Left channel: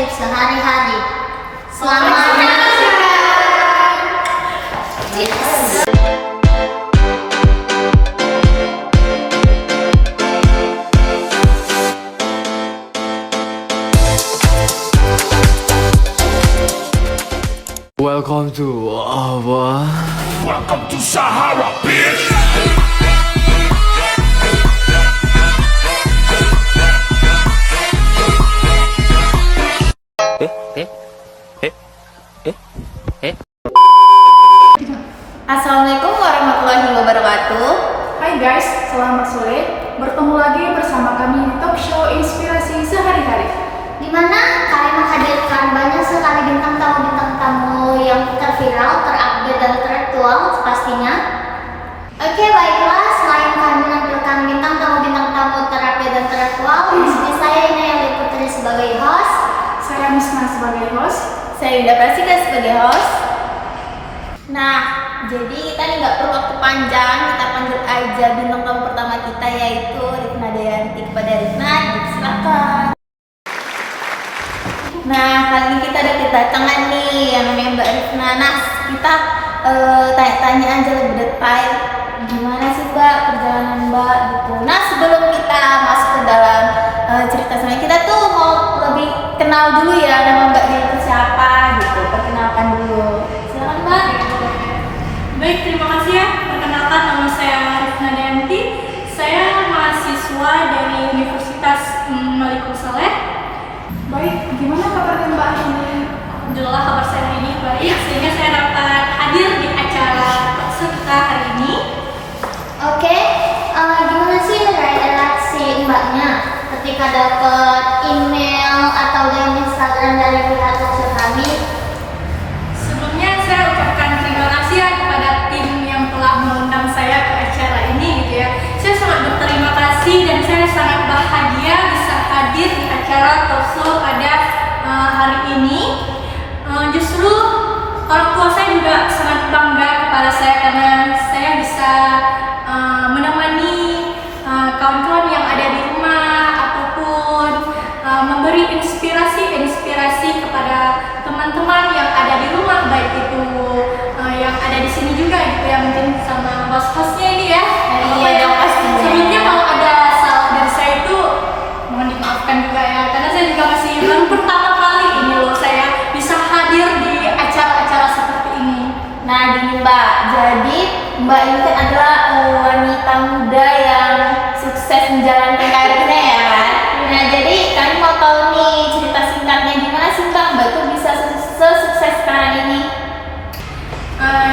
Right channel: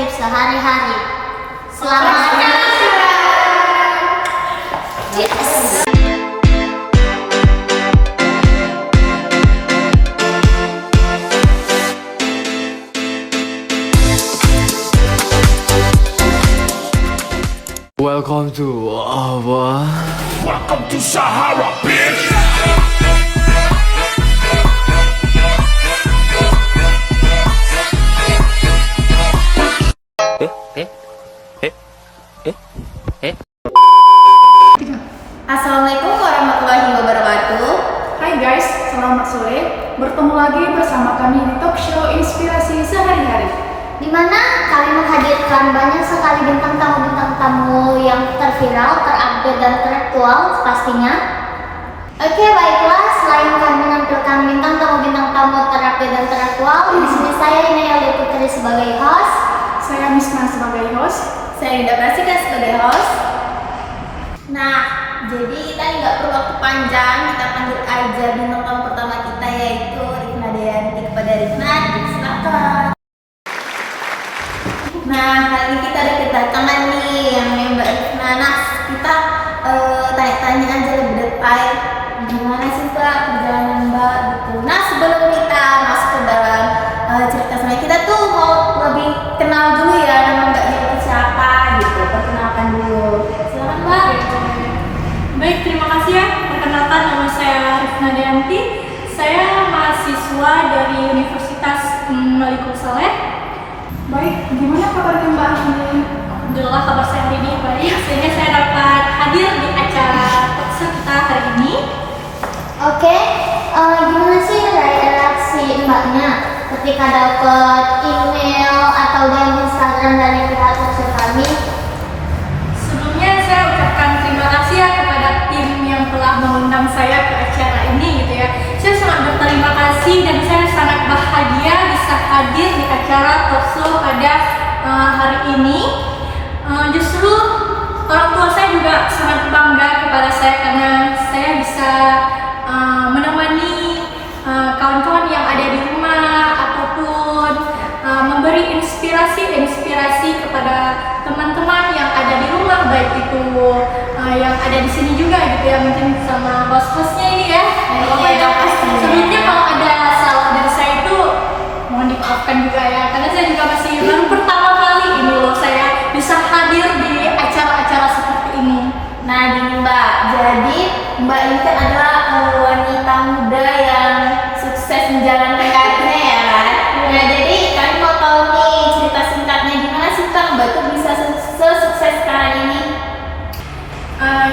inspirasi sehari-hari. Selamat menyaksikan. Welcome to Welcome to Sahara, bitch. Assalamualaikum warahmatullahi wabarakatuh. Hai guys, selamat sore. Bertemu lagi bersama kami di talk show Inspirasi Sehari-Hari. Di mana kami menghadirkan banyak sekali bintang tamu yang terviral, terupdate dan teraktual pastinya. Oke, baiklah, selain kami menampilkan bintang tamu terupdate dan teraktual, di sini saya Inaya Putri sebagai host, Saya Misna sebagai host. saya Indah Prasika sebagai host. Nah, jadi kita nggak perlu waktu panjang, kita panggil aja bintang tamu pertama kita yaitu Rifna Dayanti. Kepada Rifna, silakan. Nah, kali ini kita ada kedatangan nih yang namanya Mbak Rifna. Nah, kita tanya-tanya aja lebih detail gimana sih Mbak perjalanan Mbak gitu. Nah, sebelum kita masuk ke dalam cerita sebenarnya, kita tuh mau lebih kenal dulu ya nama Mbaknya itu siapa gitu. Perkenalkan dulu. Silakan Mbak. Baik, terima kasih ya. Perkenalkan, nama saya Rifna Dayanti. Saya mahasiswa dari Universitas Malikul Saleh. Baik, gimana kabarnya Mbak ini? Alhamdulillah kabar saya hari ini baik, sehingga saya dapat hadir di acara talkshow kita hari ini. Oke, gimana sih reaksi Mbaknya ketika dapat email atau DM Instagram dari pihak talkshow kami? Sebelumnya saya ucapkan terima kasih ya kepada tim yang telah mengundang saya ke acara ini gitu ya. Saya sangat berterima kasih dan saya sangat bahagia bisa hadir di acara talkshow pada hari ini. Justru orang tua saya juga sangat bangga kepada saya karena saya bisa menemani kawan-kawan yang ada di rumah ataupun memberi inspirasi kepada teman-teman yang ada di rumah, baik itu yang ada di sini juga gitu ya, mungkin sama host-hostnya ini ya. Sebelumnya kalau ada salah dari saya itu mohon dimaafkan juga ya, karena saya juga masih baru pertama kali ini loh saya bisa hadir di acara-acara seperti ini. Nah, gini Mbak, jadi Mbak ini kan adalah wanita muda yang sukses menjalankan karirnya ya kan? Nah, jadi kami mau tahu nih cerita singkatnya gimana sih Mbak itu bisa sukses sekarang ini?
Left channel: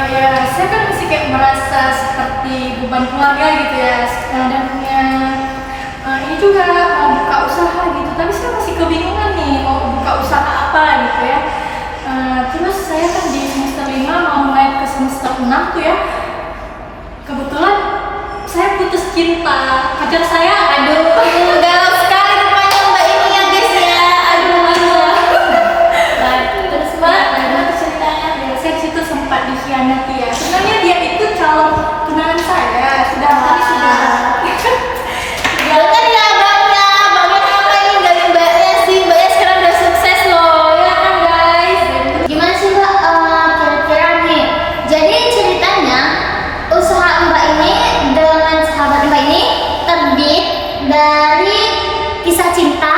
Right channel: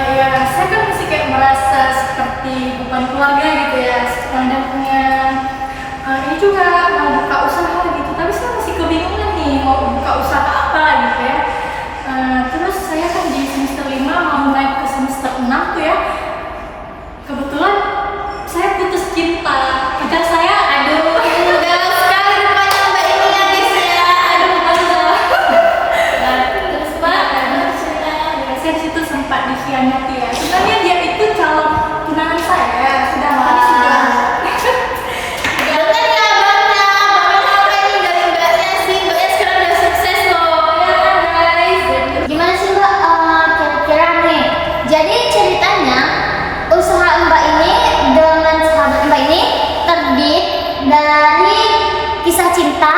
Ya, saya kan masih kayak merasa seperti beban keluarga gitu ya, dan punya ini juga mau buka usaha gitu, tapi saya masih kebingungan nih mau buka usaha apa gitu ya. Terus saya kan di semester 5 mau naik ke semester 6 tuh ya. Kebetulan saya putus cinta. Pacar saya, Aduh, galau sekali rupanya Mbak ini ya guys ya. Aduh, galau. Nah, terus Mbak, gimana ceritanya? ya, saya di situ sempat dikhianati ya. Sebenarnya dia itu calon tunangan saya, sudah tadi sudah. Dengar ya Bangnya apa ini dari Mbaknya sih? Mbaknya sekarang udah sukses loh, ya kan guys? Gimana sih Mbak, kira-kira nih? Jadi ceritanya usaha Mbak ini dengan sahabat Mbak ini terbit dari kisah cinta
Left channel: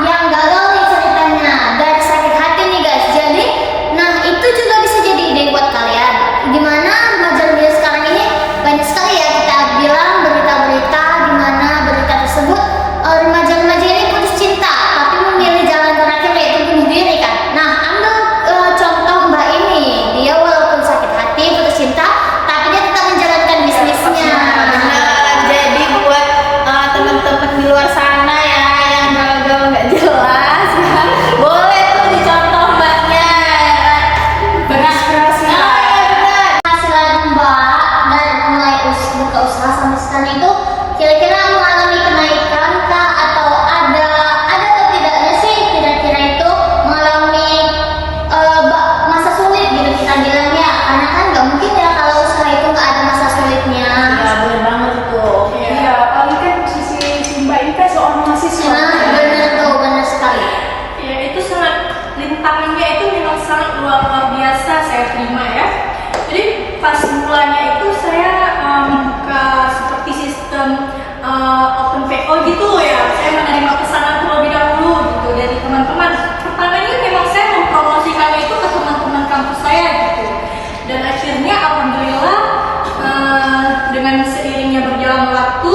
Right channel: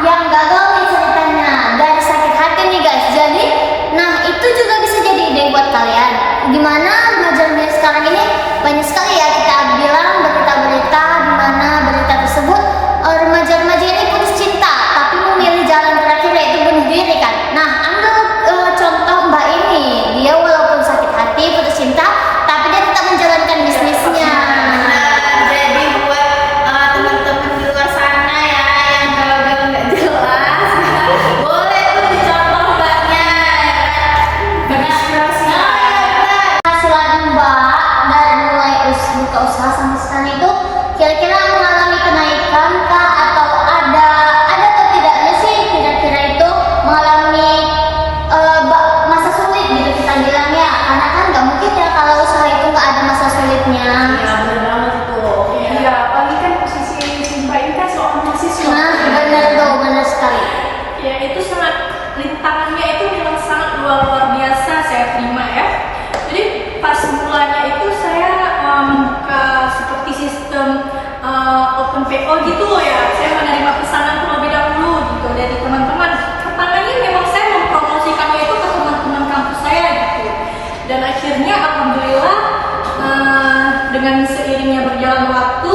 yang gagal nih ceritanya, dari sakit hati nih guys. Jadi, nah itu juga bisa jadi ide buat kalian. Dimana remaja-remaja sekarang ini banyak sekali ya kita bilang berita-berita dimana berita tersebut remaja-remaja ini putus cinta tapi memilih jalan terakhir yaitu bunuh diri kan. Nah, ambil contoh Mbak ini, dia walaupun sakit hati putus cinta tapi dia tetap menjalankan bisnisnya. Jadi buat teman-teman di luar sana ya yang galau-galau nggak jelas, boleh tuh dicontoh Mbaknya. Berinspirasi. Penghasilan Mbak dari mulai buka usaha sampai sekarang itu kira-kira mengalami kenaikan kah atau ada atau tidaknya sih kira-kira itu mengalami masa sulit gitu kita bilang ya, karena kan nggak mungkin ya kalau usaha itu nggak ada masa sulitnya. Ya, benar banget itu. Iya, apalagi kan posisi si Mbak ini kan seorang mahasiswa. Nah, benar tuh, benar sekali. Ya, itu sangat rintangannya itu memang sangat luar biasa saya terima ya. Jadi pas mulanya itu saya membuka seperti sistem open PO gitu ya. Saya menerima pesanan terlebih dahulu gitu dari teman-teman. Pertamanya memang saya mempromosikan itu ke teman-teman kampus saya gitu. Dan akhirnya alhamdulillah dengan seiringnya berjalan waktu,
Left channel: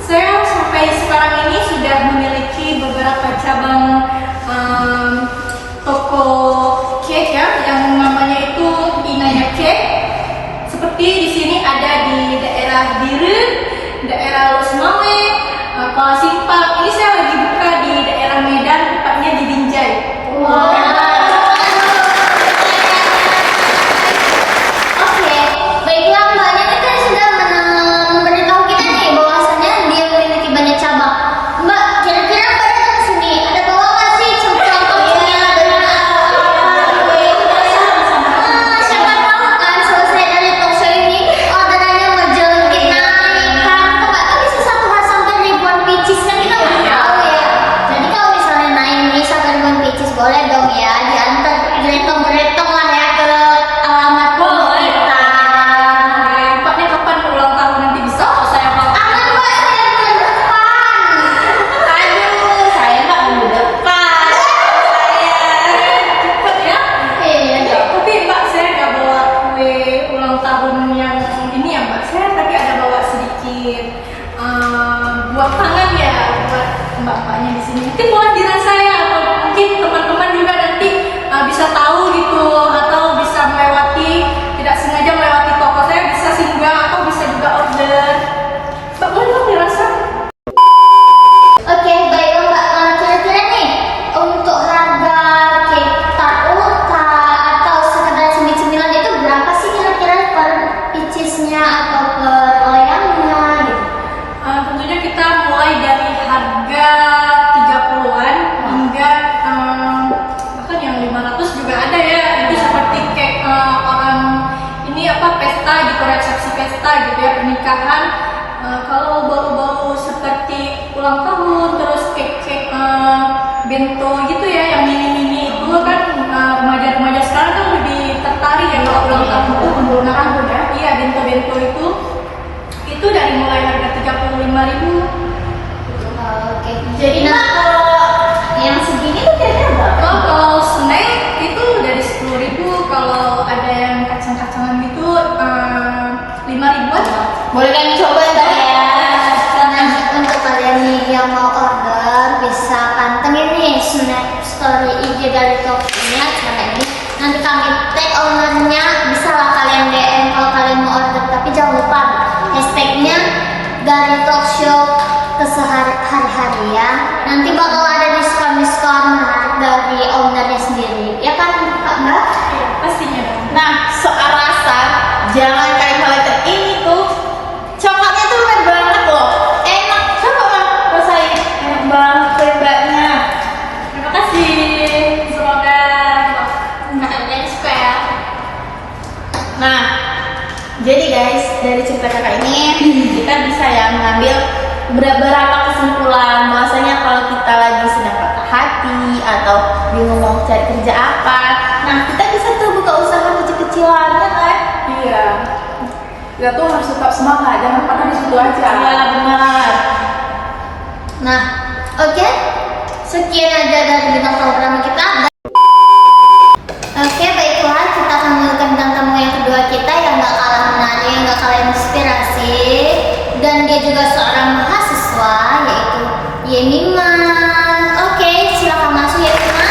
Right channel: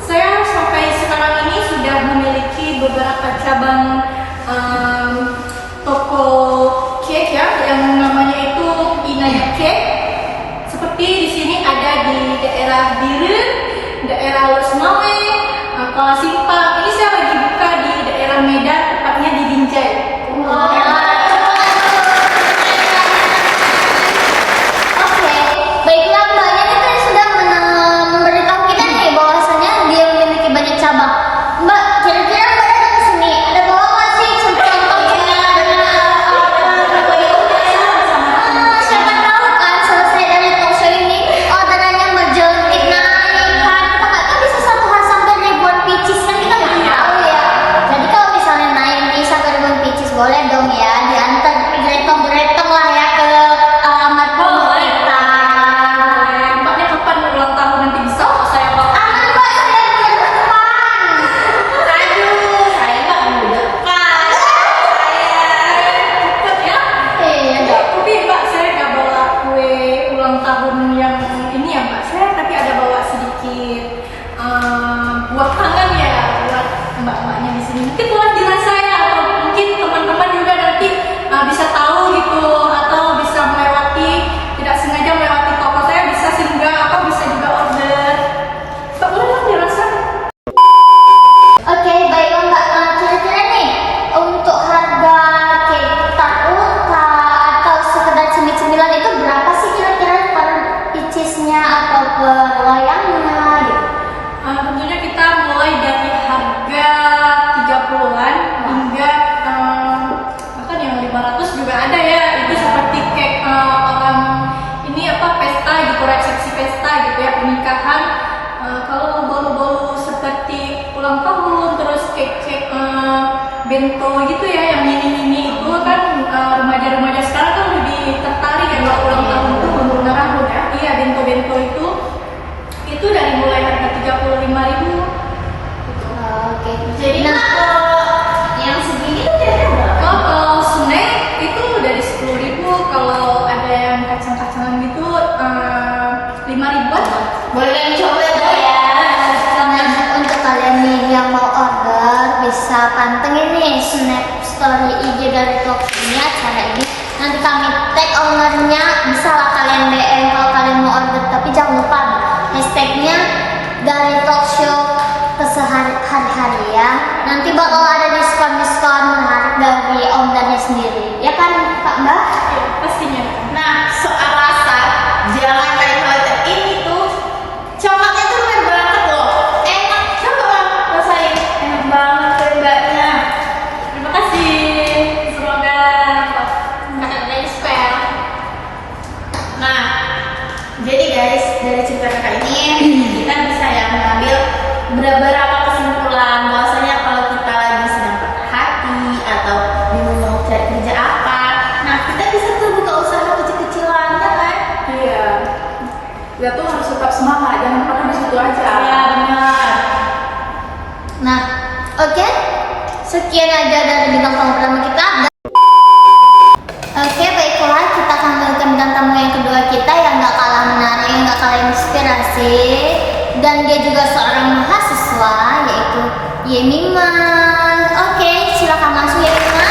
saya sampai sekarang ini sudah memiliki beberapa cabang toko cake ya, yang namanya itu Inaya Cake. Seperti di sini ada di daerah Biren, daerah Losmawe, Kuala Simpang. Ini saya lagi buka di daerah Medan, tepatnya di Binjai. Baiklah, mbaknya kan tadi sudah memberitahu kita nih bahwasanya dia memiliki banyak cabang. Mbak, kira-kira mbak datang ke sini ada bawa nggak sih contoh-contohnya dengan apa? Siapa tahu kan selesai dari talkshow ini orderannya menjelek naik kan, kita nggak tahu bisa satu hari sampai ribuan pieces kan, kita nggak tahu ya. Jadi kalau misalnya naik nih sampai ribuan pieces boleh dong ya diantar gretong-gretong lah ya ke alamat rumah kita. Mbaknya kapan ulang tahun nanti bisa kok saya bawa? Aman mbak, saya bulan depan. Aduh, saya nggak minggu depan. Cepet ya? Iya. Tapi mbak, saya nggak bawa kue ulang tahun yang ini ya mbak. Saya tapi ada bawa sedikit buah tangan ya buat mbak-mbaknya di sini. Mungkin boleh dirasa ya, atau mungkin teman-teman juga nanti bisa tahu gitu, atau bisa melewati, tidak sengaja melewati toko saya, bisa singgah atau bisa juga order. Mbak boleh dong dirasa. Oke, baiklah mbak. Kira-kira nih untuk harga cake tarta atau sekedar cemil-cemilan itu berapa sih kira-kira per piecesnya atau per loyangnya gitu? Tentunya kita mulai dari harga 30-an hingga bahkan yang 500 juga ada ya. Itu seperti cake orang ini apa, pesta gitu, resepsi pesta gitu ya, pernikahan. Kalau baru-baru seperti ulang tahun, terus cake bento gitu ya, yang mini-mini itu kan remaja-remaja sekarang kan lebih tertarik ya kalau ulang tahun itu menggunakan ya. Iya, bento-bento itu dari mulai harga 35.000 gitu. Oke. Jadi mbak kalau yang segini tuh kira-kira berapa? Oh, kalau snack itu dari 10.000, kalau ada yang kacang-kacangan gitu 5.000-an. Boleh kami coba ya mbak ya? Nah, untuk kalian nih yang mau order bisa pantengin nih snap story IG dari Talkshow-nya cara ini. Nanti kami tag ownernya, bisa lah kalian DM kalau kalian mau order, tapi jangan lupa hashtagnya dari Talkshow kesehari-hari ya. Nanti bakal ada diskon menarik dari ownernya sendiri, ya kan Kak Mbak? Iya, pastinya. Nah, soal rasa, jangan kalian khawatir, ini tuh coklatnya tuh bener banget loh. Enak, coba lah rasain, enak banget kue mbaknya. Terima kasih. Semoga kakak-kakaknya suka ya. Nah, jadi guys, dari cerita kakak ini kita bisa ya mengambil beberapa kesimpulan bahwasanya kalau kita lagi sedang patah hati atau bingung mau cari kerja apa, nah kita bisa tuh buka usaha kecil-kecilan ya kan? Iya. Kita tuh harus tetap semangat, jangan patah di situ aja. Iya benar. Nah, oke. Sekian aja dari bintang tamu pertama kita. Oke, baiklah, kita akan mengundang bintang tamu yang kedua kita yang gak kalah menarik, yang gak kalah inspirasi, dan dia juga seorang mahasiswa, yaitu Yeniman. Oke, silakan masuk Yeniman.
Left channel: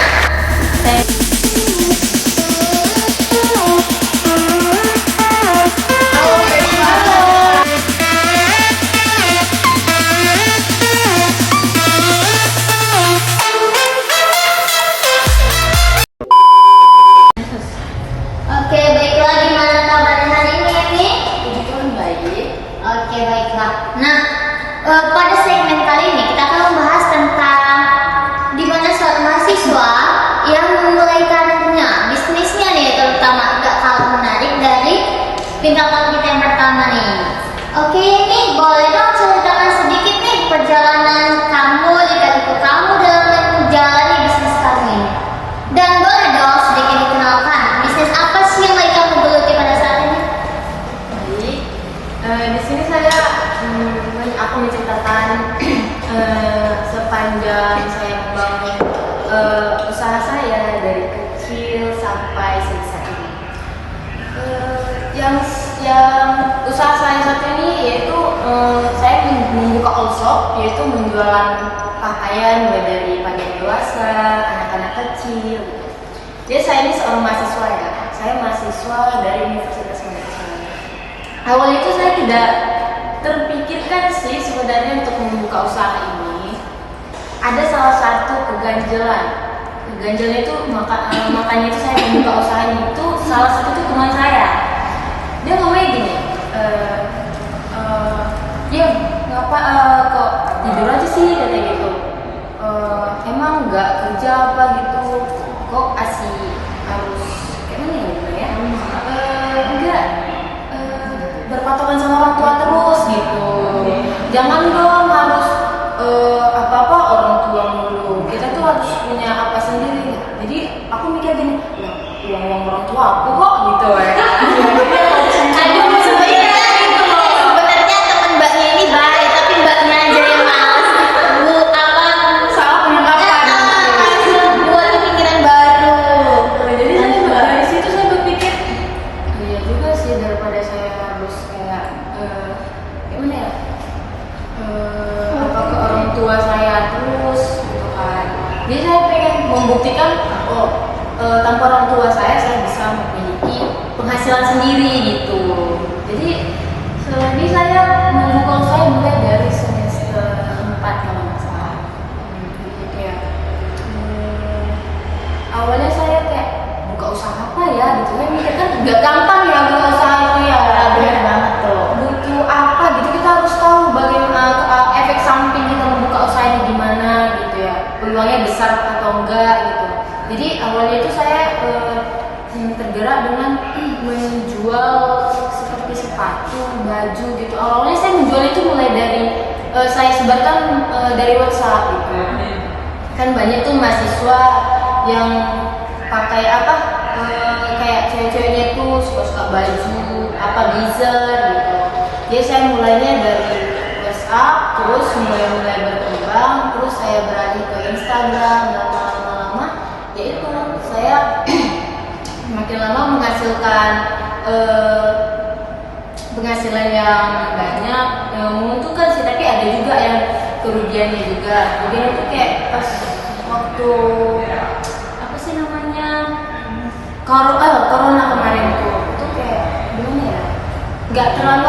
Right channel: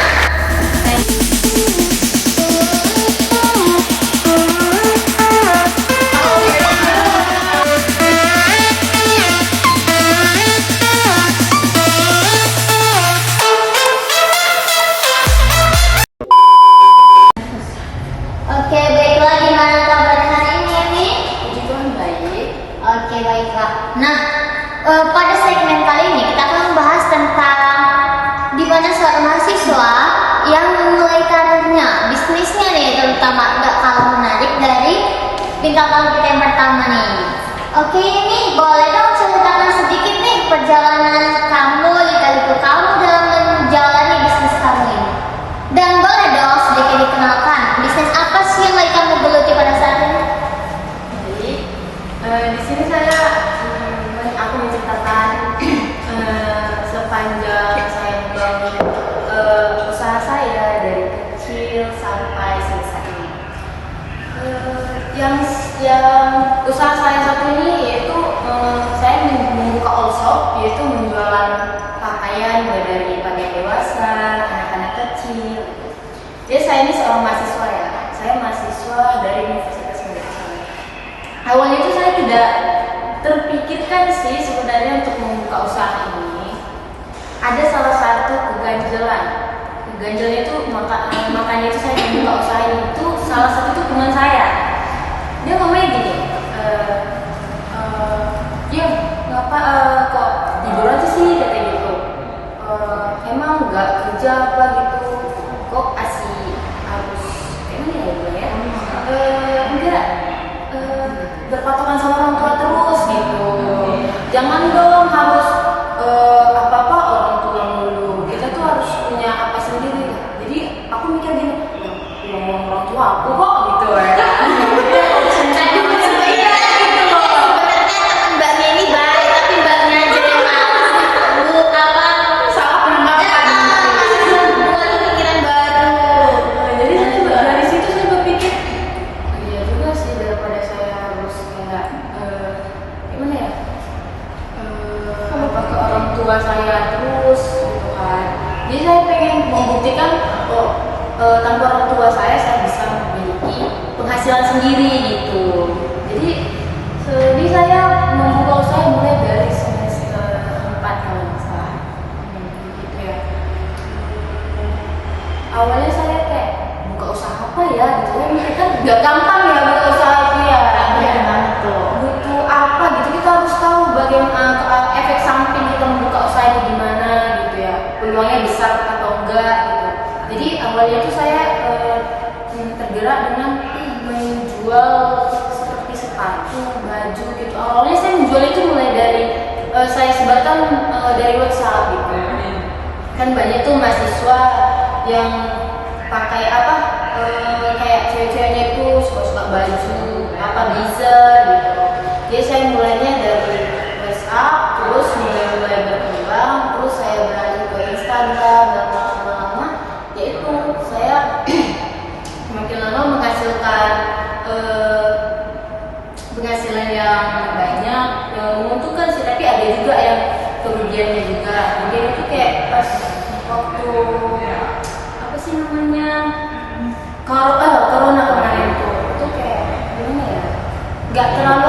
Oke, baiklah, gimana kabarnya hari ini, Emi? Puji Tuhan baik. Oke, baiklah. Nah, pada segmen kali ini kita akan membahas tentang di mana seorang mahasiswa yang memulai karirnya, bisnisnya nih, terutama gak kalah menarik dari bintang tamu kita yang pertama nih. Oke, ini boleh dong ceritakan sedikit nih perjalanan kamu, lika-liku kamu dalam menjalani bisnis kamu ini. Dan sini saya aku menceritakan sepanjang saya membangun usaha saya dari kecil sampai selesai ini. Yang usaha saya satu ini yaitu saya membuka all shop, yaitu menjualan pakaian mulai dari pakaian dewasa, anak-anak kecil. Jadi saya ini seorang mahasiswa ya. Saya mahasiswa dari Universitas Makassar. Awalnya itu saya tidak terpikirkan sih sebenarnya untuk membuka usaha ini. Ada salah satu keganjelan. Keganjelannya itu makanya itu saya membuka usaha ini. Itu salah satu itu teman saya. Dia ngomongnya gini, dia ngapa kok tidur aja sih kata gitu. Emang nggak kerja apa gitu? Kok harus kayak mana ya juga ya? Enggak berpatokan sama orang tua terus gitu. Jangan dong harus apa-apa orang tua mulu. Kita tuh harus punya apa sendiri. Jadi aku mikir gini, uang orang tua aku kok gitu ya. Aduh, sebenarnya gitu loh. Sebenarnya teman mbaknya ini baik, tapi mbaknya aja yang malas Salah penanggapan. buat pemikiran baru. Jadi saya dari situ saya berpikir, iya juga sih daripada saya harus kayak gimana ya? Apa ke orang tua saya terus gitu kan. Jadi saya pengen membuktikan tanpa orang tua saya bisa memiliki penghasilan sendiri gitu. Jadi saya membuka usaha mulai dari semester 4 kalau nggak salah. Gitu ya. Awalnya saya kayak buka usaha apa ya gitu. Saya mikir kan nggak gampang ya buka usaha itu ya. Benar banget tuh. Butuh apa gitu, kita harus tahu bagaimana efek samping kita membuka usaha ini gimana gitu ya, peluangnya besar atau enggak gitu. Jadi awalnya itu saya tergerak dengan menjual seperti sepatu, baju gitu. Awalnya saya menjual itu mulai dari saya sebarkan dari WhatsApp gitu. Kan banyak tuh mahasiswa yang pakai kayak cewek-ceweknya tuh suka-suka baju blazer gitu. Jadi saya mulainya dari WhatsApp, terus mulai berkembang, terus saya beralih ke Instagram, dan lama-lama yaitu saya makin lama menghasilkan penghasilan yang banyak, yang menguntungkan sih, tapi ada juga yang kerugiannya juga. Kerugian itu kayak pas waktu apa sih namanya corona kemarin itu kayak gimana ya, nggak terlalu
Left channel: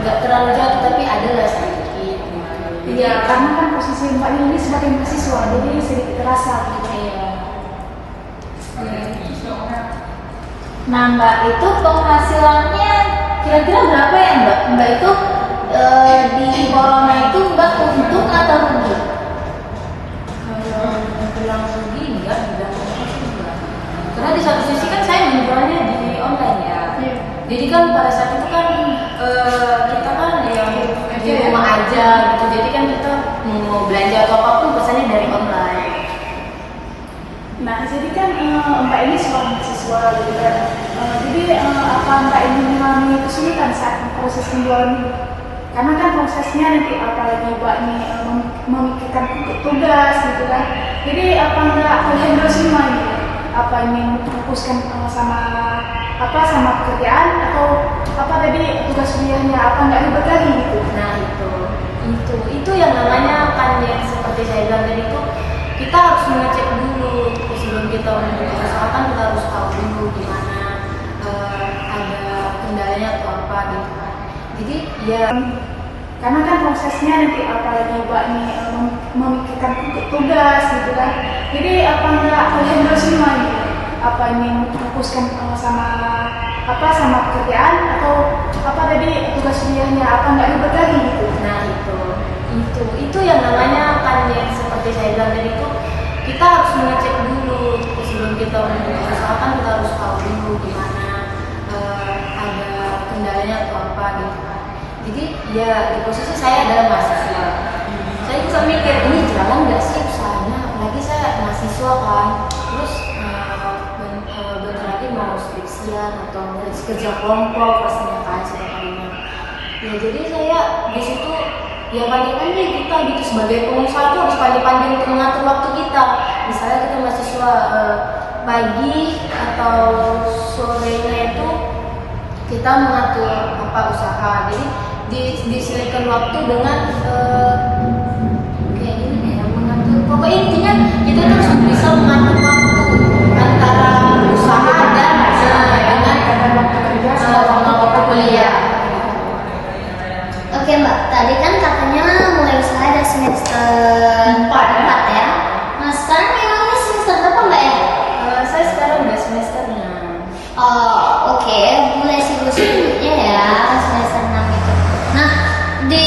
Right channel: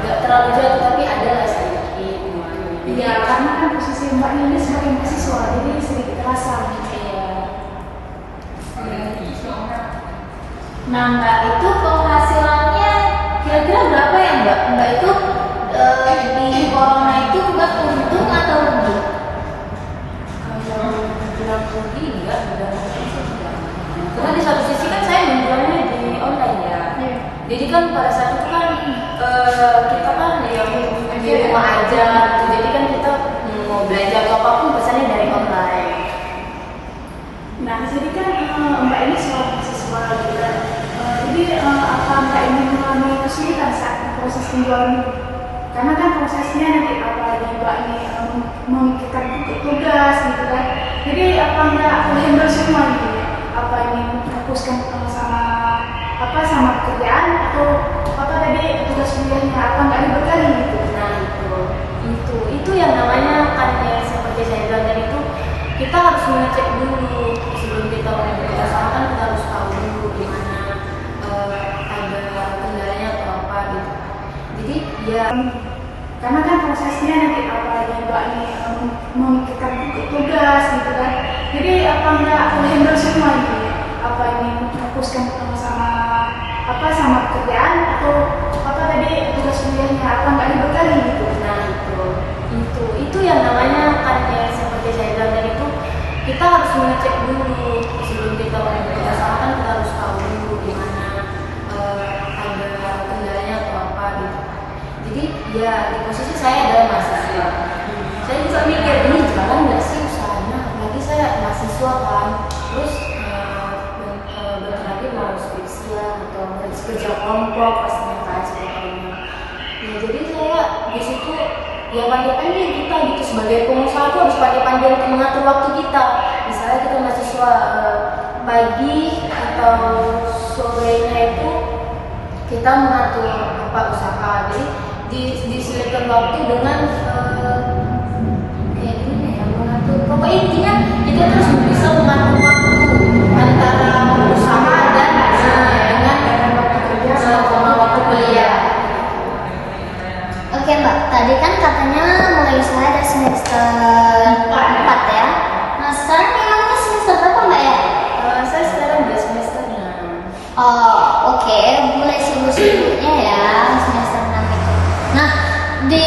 nggak terlalu jatuh, tapi adalah sedikit gitu. Jadi Ya, karena kan posisi Mbak ini sebagai mahasiswa, jadi sedikit terasa gitu. Nah mbak itu penghasilannya kira-kira berapa ya mbak? Mbak itu di corona itu mbak untung atau rugi? Kalau bilang rugi enggak, bilang untung sih enggak. Karena di satu sisi kan saya menjualnya di online ya. Iya. Jadi kan pada saat itu kan kita kan yang di rumah aja gitu. Jadi kan kita mau belanja atau apapun pesannya dari online. Nah, jadi kan Mbak ini seorang mahasiswa gitu kan. Jadi apa Mbak ini mengalami kesulitan saat proses penjualan ini? Karena kan prosesnya nanti apalagi Mbak ini memikirkan tugas gitu kan. Jadi apa nggak handle semua gitu? Apa ini fokuskan sama pekerjaan atau apa tadi tugas kuliahnya, apa nggak ribet lagi gitu? Nah itu yang namanya kan yang seperti saya bilang tadi itu, kita harus mengecek dulu sebelum kita membuka usaha. Kan kita harus tahu dulu gimana ada kendalanya atau apa gitu kan. Jadi ya karena kan prosesnya nanti apalagi Mbak ini memikirkan tugas gitu kan. Jadi apa nggak handle semua gitu? Apa ini fokuskan sama pekerjaan atau apa tadi tugas kuliahnya, apa nggak ribet lagi gitu? nah itu yang namanya kan yang seperti saya bilang tadi itu, kita harus mengecek dulu sebelum kita membuka usaha. Kan kita harus tahu dulu gimana ada kendalanya atau apa gitu kan. Jadi ya di posisi saya adalah mahasiswa, saya juga mikir ini jalan nggak sih usahanya, apalagi saya mahasiswa kan, terus bentar lagi mau skripsian atau kerja kelompok pastinya kan setiap harinya. Ya jadi saya di situ ya pandai-pandai kita gitu sebagai pengusaha tuh harus pandai-pandai untuk mengatur waktu kita. Misalnya kita mahasiswa pagi atau sorenya itu kita mengatur apa usaha. Jadi diselipkan waktu dengan kayak gimana ya mengatur. Pokoknya intinya kita terus bisa mengatur waktu antara usaha dan dengan waktu kerja sama waktu kuliah. Oke Mbak, tadi kan katanya mulai usaha dari semester 4 ya. Nah sekarang memangnya semester berapa Mbak ya? Saya sekarang udah semester 6. Oh oke, mulai sibuk-sibuknya ya semester 6 itu. Nah di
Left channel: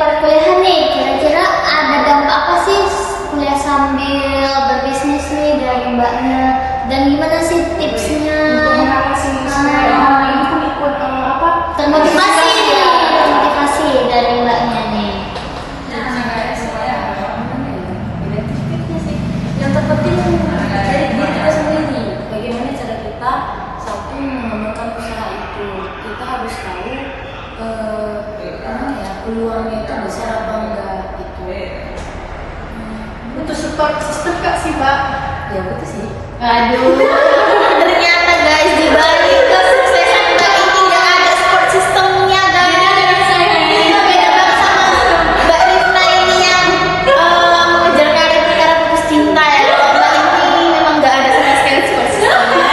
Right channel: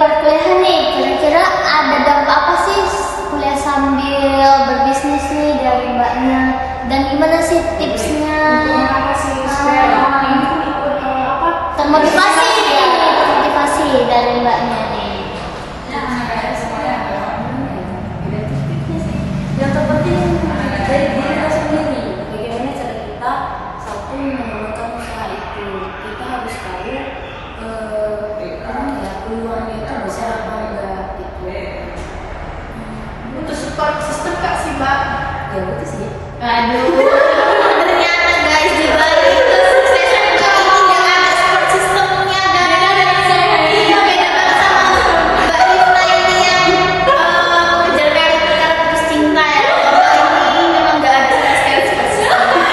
perkuliahan nih, kira-kira ada dampak apa sih kuliah sambil berbisnis nih dari Mbaknya? Dan gimana sih tipsnya? Kenapa sih supaya ini pun ikut apa? Termotivasi nih, termotivasi dari Mbaknya nih. Tipsnya sih yang terpenting dari diri kita sendiri. Bagaimana cara kita satu mengembangkan usaha itu. Kita harus tahu peluangnya itu besar apa enggak gitu. Untuk support system Kak sih Mbak. Ya betul sih. Aduh, ternyata guys di balik kesuksesan Mbak ini nggak ada support systemnya guys. Beda dengan saya. Iya, beda banget sama Mbak Rifna ini yang mengejar karir perkara putus cinta ya. Kalau Mbak ini memang nggak ada sama sekali support systemnya.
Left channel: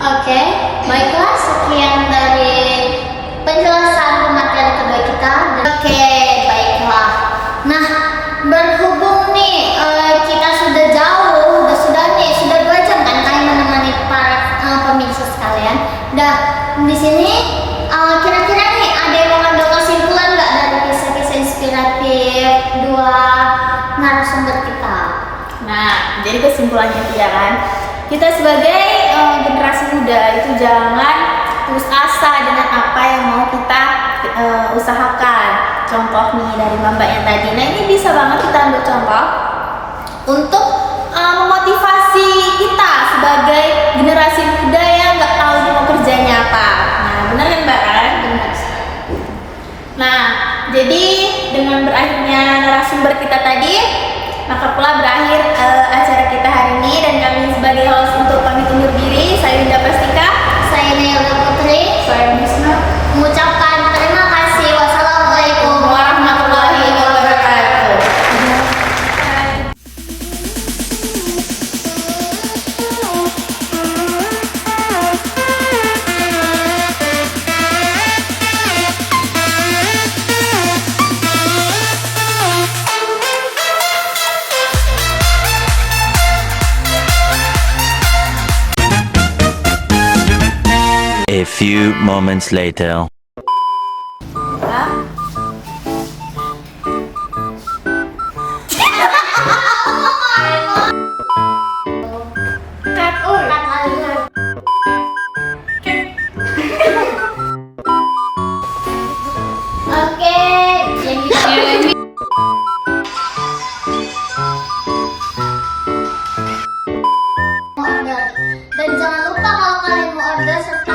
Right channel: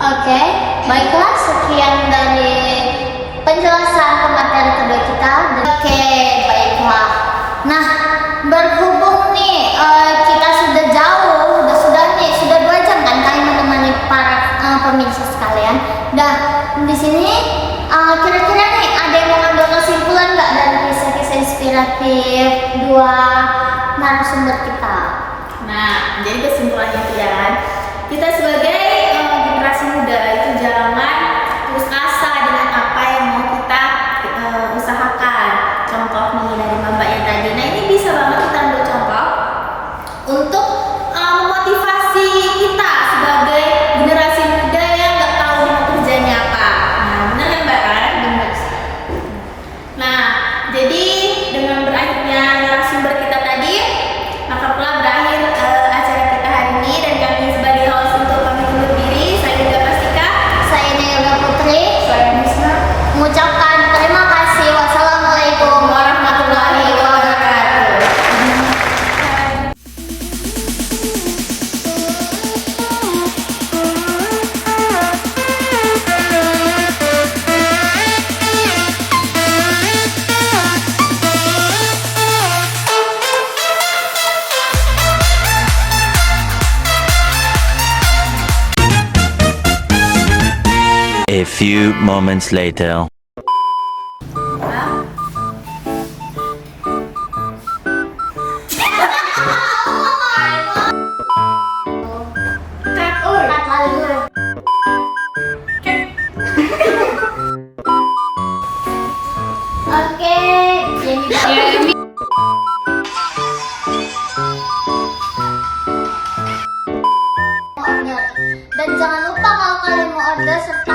Oke, baiklah sekian dari penjelasan pemateri kedua kita. Oke, baiklah. Nah, berhubung nih kita sudah jauh, sudah 2 jam kan kami menemani para pemirsa sekalian. Dan di sini kira-kira nih ada yang mau ngambil kesimpulan nggak dari kisah-kisah inspiratif dua narasumber kita? Nah, jadi kesimpulannya kita kan, kita sebagai generasi muda itu jangan putus asa dengan apa yang mau kita usahakan. Contoh nih dari mbaknya tadi. Nah ini bisa banget kita ambil contoh untuk memotivasi kita sebagai generasi muda yang nggak tahu mau kerjanya apa. Nah benar kan mbak kan? Benar. Nah jadi dengan berakhirnya narasumber kita tadi, maka pula berakhir acara kita hari ini dan kami sebagai host untuk pamit undur diri. Saya Linda Pastika, Saya Nelda Putri, Saya Misna. mengucapkan terima kasih. Wassalamualaikum warahmatullahi wabarakatuh. A few moments later. Cut lalu. Oke, jadi mau order. Dan jangan lupa kalau kalian mau order serta